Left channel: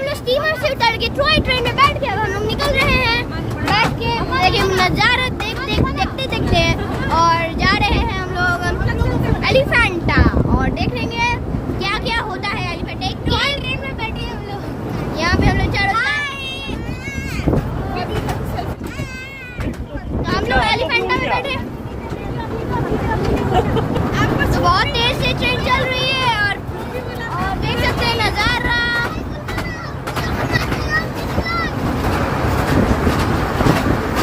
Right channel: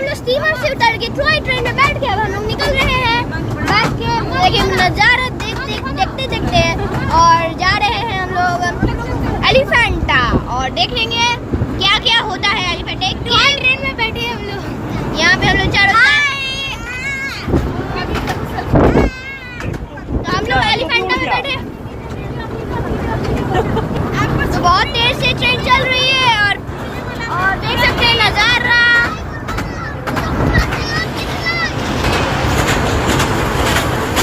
हम लोग स्टीमर से उतर के ट्रॉय ट्रेन में बैठ के अब हम लोग निकल रहे हैं। बैठ के लेकिन नज़ारा देखते और जा रहे हैं हम लोग एलिफेंटा और देख लेंगे